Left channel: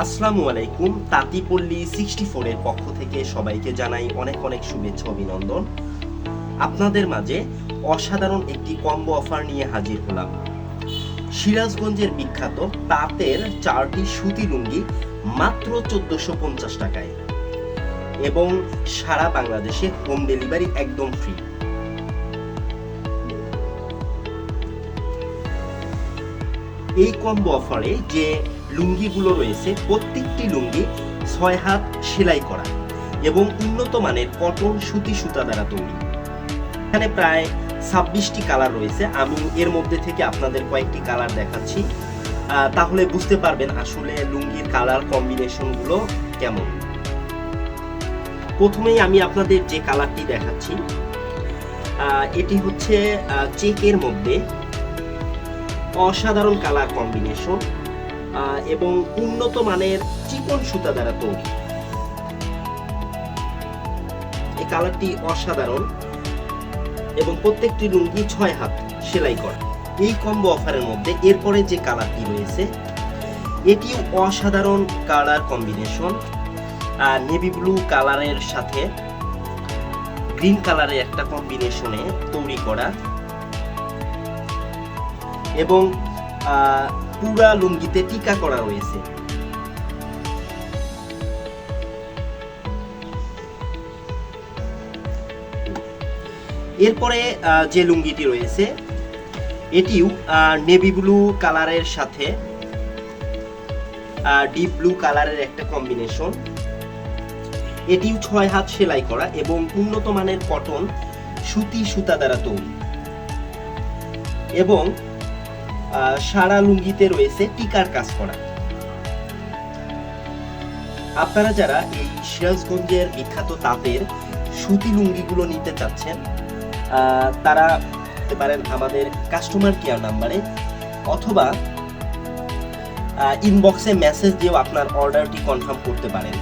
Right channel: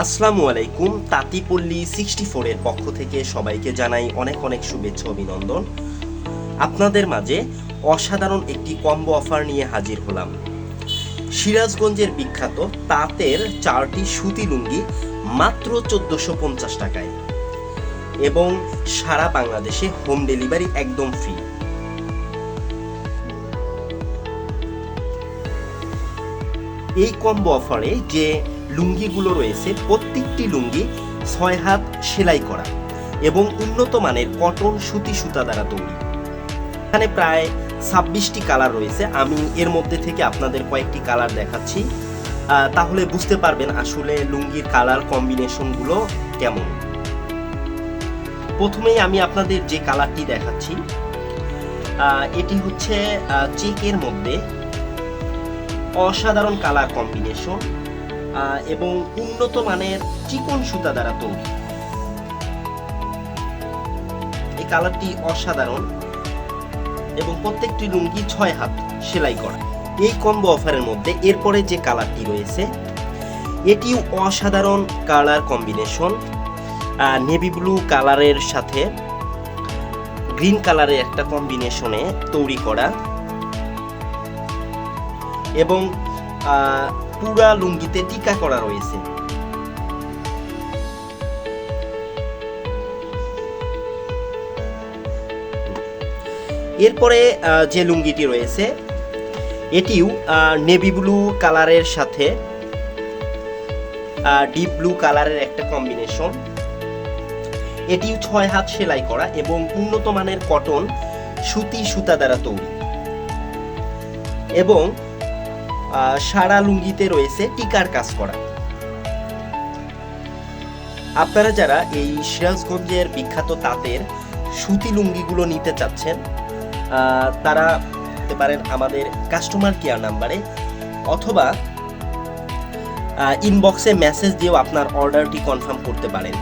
আসসালামু আলাইকুম। তাঁতিপল্লী 64 এর পক্ষ থেকে সবাইকে জানাই অনেক অনেক শুভেচ্ছা অভিনন্দন। আপনাদের মাঝে অসাধারণ একটি কম্বো অফার নিয়ে হাজির হলাম। সিরাজগঞ্জের বিখ্যাত তাঁতের 4টি সুতি লুঙ্গি মাত্র 1450 টাকায় এবং সারা বাংলাদেশে হোম ডেলিভারি একদম ফ্রি। এই কম্বো অফারে যে লুঙ্গিগুলো রয়েছে প্রত্যেকটি লুঙ্গি 6 হাত সেলাই করা এবং উন্নত মানের কটন সুতি সুতা দ্বারা তৈরি। এখানে প্রায় 26টি কালার রয়েছে। আমি এর মধ্যে থেকে আপনাদের কয়েকটি কালার দেখাচ্ছি, তাহলে বুঝতে পারবেন আসলে লুঙ্গির কালার কম্বিনেশনগুলো কেমন। প্রথমেই আমি আপনাদের যে কালারটি দেখাচ্ছি এটি হচ্ছে চেকের মধ্যে অসাধারণ কালার কম্বিনেশন এবং উন্নত মানের চিকন সুতা দ্বারা তৈরি। এই কালারটি অসাধারণ এবং প্রত্যেকটি লুঙ্গি 6 হাত সেলাই করা। এই কম্বো অফারের মধ্যে এরপরে যে কালারটি রয়েছে এটিও অসাধারণ কালার কম্বিনেশন, নেভি ব্লু কালারের সাথে গ্রিন কালারের একটা কম্বিনেশনে তৈরি করা এবং পুরা লুঙ্গিতে টিকা করা রয়েছে। এরপরে যে লুঙ্গিটি রয়েছে এটিও নেভি ব্লু কালারের সাথে ডিপ ব্লু কালারের একটা কম্বিনেশন। এটিও 6 হাত সেলাই করা এবং উন্নত মানের কটন সুতি সুতা দ্বারা তৈরি এবং সারা লুঙ্গিতে রয়েছে টিকার কাজ করা। আপনারা যারা এই সিরাজগঞ্জের বিখ্যাত তাঁতের সুতি লুঙ্গিগুলো নিতে চাচ্ছেন তারা হতে পারেন আমাদের কাস্টমার কেয়ার নাম্বারে অথবা ইনবক্সে মেসেজ দিয়েও আপনার অর্ডারটি কনফার্ম করতে পারেন।